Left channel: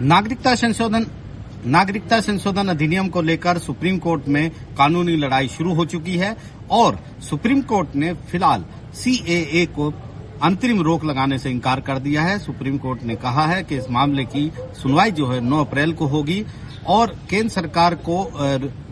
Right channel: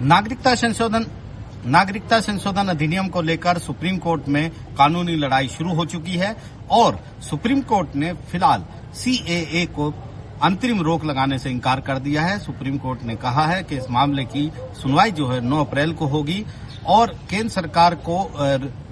नागरिकता संशोधन अधिनियम को लेकर सुप्रीम कोर्ट में कानूनी लड़ाई शुरू हो चुकी है और सुप्रीम कोर्ट ने फिलहाल सीएए को अंतरिम रोक लगाने से इनकार कर दिया है। सुप्रीम कोर्ट ने कहा है कि इस मामले की सुनवाई जो है 9 अप्रैल को होगी और केंद्र सरकार को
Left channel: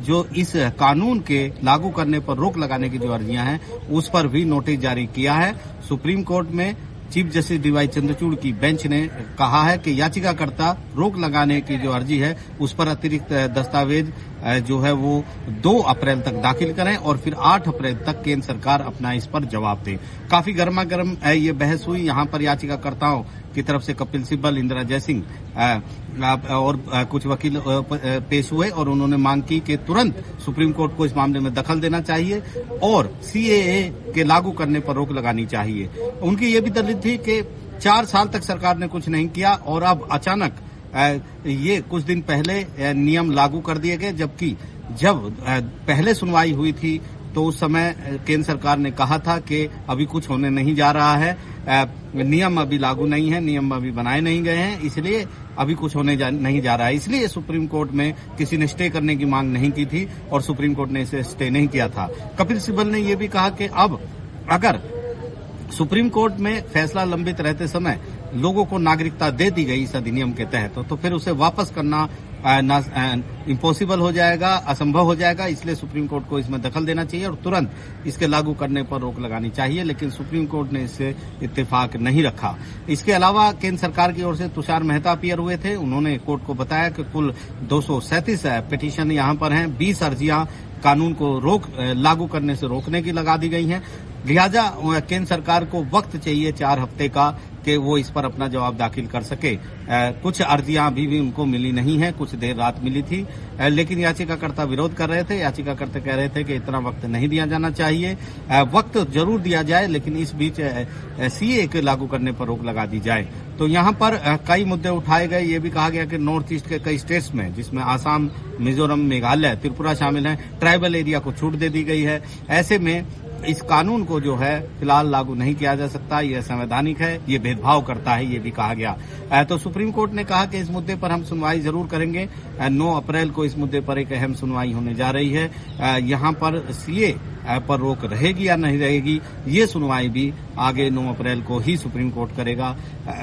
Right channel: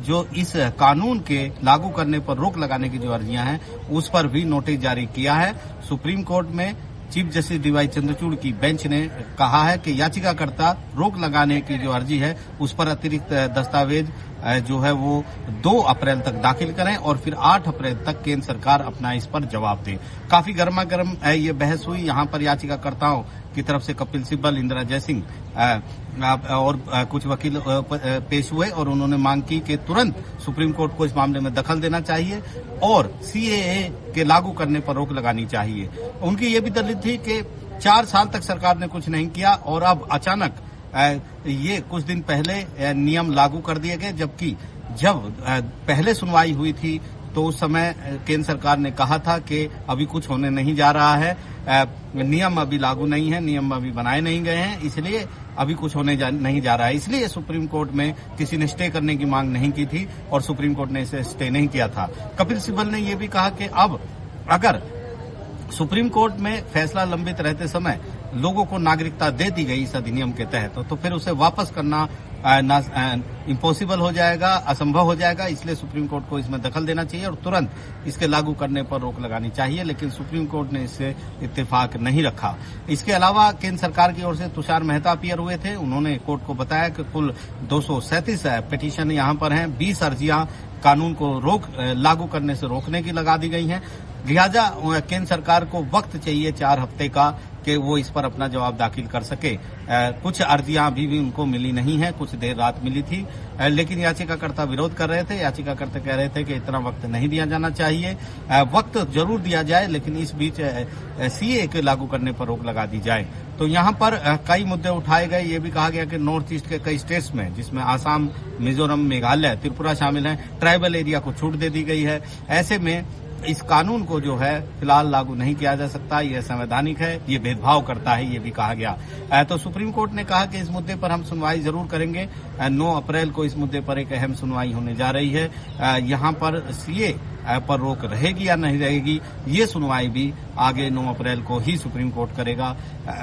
जो इस कानून के लागू करने पर रोक लगाने की जो अर्जियां हैं उस पर भी नोटिस जारी किया है। सुप्रीम कोर्ट में चीफ जस्टिस डीवाई चंद्रचूड़ की बेंच ने कहा है कि याचिकाकर्ता रोक लगाने की जो अर्जी है उस पर अतिरिक्त दस्तावेज जो है वो 2 अप्रैल तक दाखिल करें और फिर 8 अप्रैल तक केंद्र सरकार अपना इस पर जवाब दे। काफी गर्मा गर्म ये बहस हुई। यहाँ पर याचिकाकर्ताओं की तरफ से कपिल सिब्बल, इंदिरा जयसिंह और कुछ वकील पेश हुए और उन्होंने मांग की कि तुरंत सुप्रीम कोर्ट को इस मामले में दखल देना चाहिए और सीएए के लागू करने पर रोक लगानी चाहिए। उनकी ये भी दलील थी कि 4 साल तक सरकार ने कुछ नहीं किया और अब अचानक ये कुछ दिन पहले नियम लागू कर दिए गए, जबकि जब पहले सुनवाई हुई थी तो उस समय केंद्र सरकार ने कहा था कि अभी कुछ होने नहीं जा रहा है, नियम अभी लागू नहीं है, नियम अभी बनाए नहीं गए हैं, इसलिए अभी कुछ होने नहीं जा रहा है। इसलिए सुप्रीम कोर्ट में किसी ने स्टे करने की मांग नहीं की थी और सुप्रीम कोर्ट ने इसे स्टे नहीं किया था। कपिल सिब्बल ने यह भी कहा कि अब अगर सुप्रीम कोर्ट में फैसला लंबित रहते समय लोगों को नागरिकता दे दी गई इस अधिनियम के तहत तो फिर उसे वापस करना इम्पॉसिबल हो जाएगा, असंभव हो जाएगा। इसलिए सुप्रीम कोर्ट को इसमें दखल देना चाहिए और तुरंत इसके लागू करने पर रोक लगानी चाहिए, लेकिन सुप्रीम कोर्ट ने इससे इत्तेफाक नहीं रखा। इसके अलावा केंद्र सरकार की ओर से तुषार मेहता अपीयर हुए थे। उन्होंने कोर्ट को बताया कि कुल 237 पिटीशन यहां पर हैं, 20 अर्जियां कानून को लागू करने से रोकने की लगा दी गई हैं। लिहाजा केंद्र सरकार को वक्त चाहिए 4 हफ्ते का कि वो इस पर अपना जवाब दाखिल कर सके। कुछ अर्जियां अभी भी उनको मिली नहीं है, कुछ देर रात मिली थी, लेकिन याचिकाकर्ता विरोध कर रहे थे। याचिकाकर्ता कह रहे थे कि इतना वक्त नहीं दिया जाना चाहिए, वक्त जरूर दिया जाए लेकिन इस बीच सीए के लागू करने पर रोक लगा दी जाए। तो यहाँ पर कई मुद्दे उठाए गए। ये भी कहा गया कि नॉर्थ ईस्ट के कई स्टेट्स में, जिसमें आसाम, मिजोरम, मेघालय, त्रिपुरा शामिल हैं, ट्राइबल एरिया को छूट दे दी गई है। ऐसे में इस कानून को जो है फिलहाल लागू नहीं किया जा सकता, ये असंवैधानिक है, ये भेदभाव करता है, ये भी कहा गया। तो सुप्रीम कोर्ट ने कहा कि इस मुद्दे पर हम सुनवाई जरूर करेंगे। 9 अप्रैल को इस मुद्दे पर एक अहम सुनवाई होने जा रही है। यहाँ पर सीए पर रोक रहेगी या नहीं रहेगी, ये सुनवाई भी आगे 9 अप्रैल को ही सुप्रीम कोर्ट करेगा।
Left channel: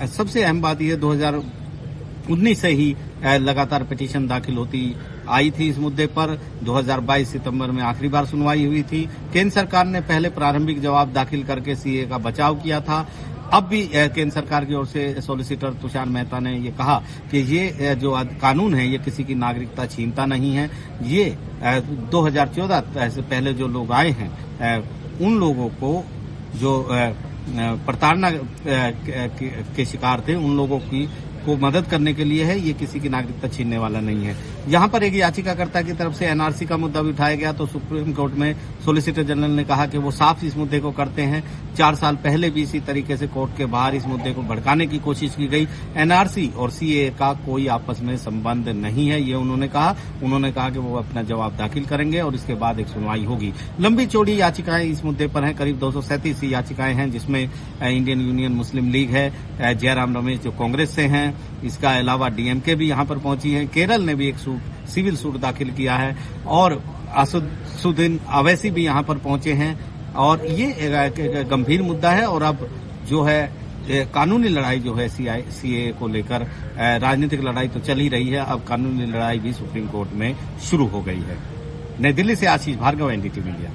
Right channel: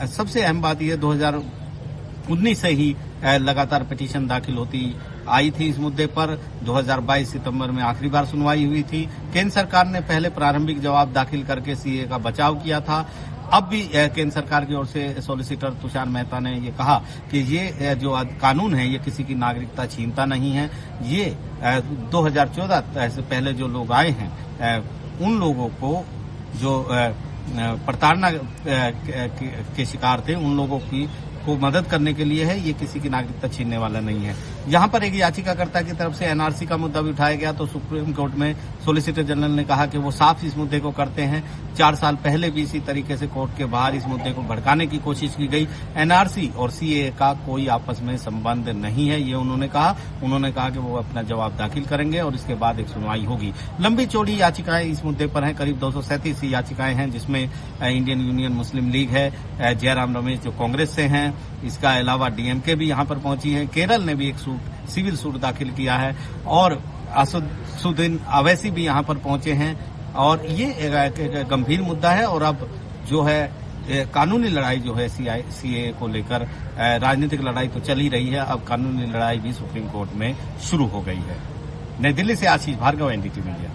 सबसे अहम बात यह 2019 से ही लगातार पिटीशन दाखिल होती आई थी इस मुद्दे पर। 2022 सितंबर में आखिरी बार सुनवाई हुई थी। केंद्र सरकार ने पहले प्रारंभिक जवाब दाखिल करके सीए का बचाव किया था। अब भी केंद्र सरकार की ओर से सॉलिसिटर तुषार मेहता ने ये कहा कि ये जो कानून है ये किसी की नागरिकता छीनता नहीं है। ये 2014 से पहले जो लोग आए हैं उन लोगों को जो प्रताड़ना के शिकार थे उन लोगों को मदद करने के लिए है, ये किसी की नागरिकता छीनने वाला नहीं है। यहाँ पर एक याचिकाकर्ता की तरफ से एनआरसी का मुद्दा भी उठाया गया तो सुप्रीम कोर्ट में सॉलिसिटर जनरल ने कहा कि वो साफ इस मुद्दे को करते हैं। 4 साल पहले भी इसी तरीके से कोर्ट के बाहर इस मुद्दे को भड़काने की कोशिश की गई। एनआरसी और सीए का कोई आपस में संबंध नहीं है, ये उन्होंने कहा। उन्होंने कहा कि वो अपना जवाब दाखिल करेंगे और इसके बाद एक सुनवाई होगी। लंबी चौड़ी याचिकाएं इस मुद्दे पर हैं, करीब 237 याचिकाएं हैं, जिसमें इंडियन यूनियन मुस्लिम लीग है, जयराम रमेश जो कांग्रेस से हैं, इसका अलावा डीएमके भी यहां पर पहुंची है। केरल ने भी एक सिविल सूट दाखिल किया है और असदुद्दीन अवैसी भी यहां पर पहुंचे हैं और ये गंभीर मुद्दा है। और अब जो है कानूनी लड़ाई जो है सीए को लेकर, राजनीतिक लड़ाई तो चल ही रही है, अब कानूनी लड़ाई भी सुप्रीम कोर्ट में शुरू हो गई है। नई दिल्ली से आशीष भार्गव, एनडीटीवी इंडिया।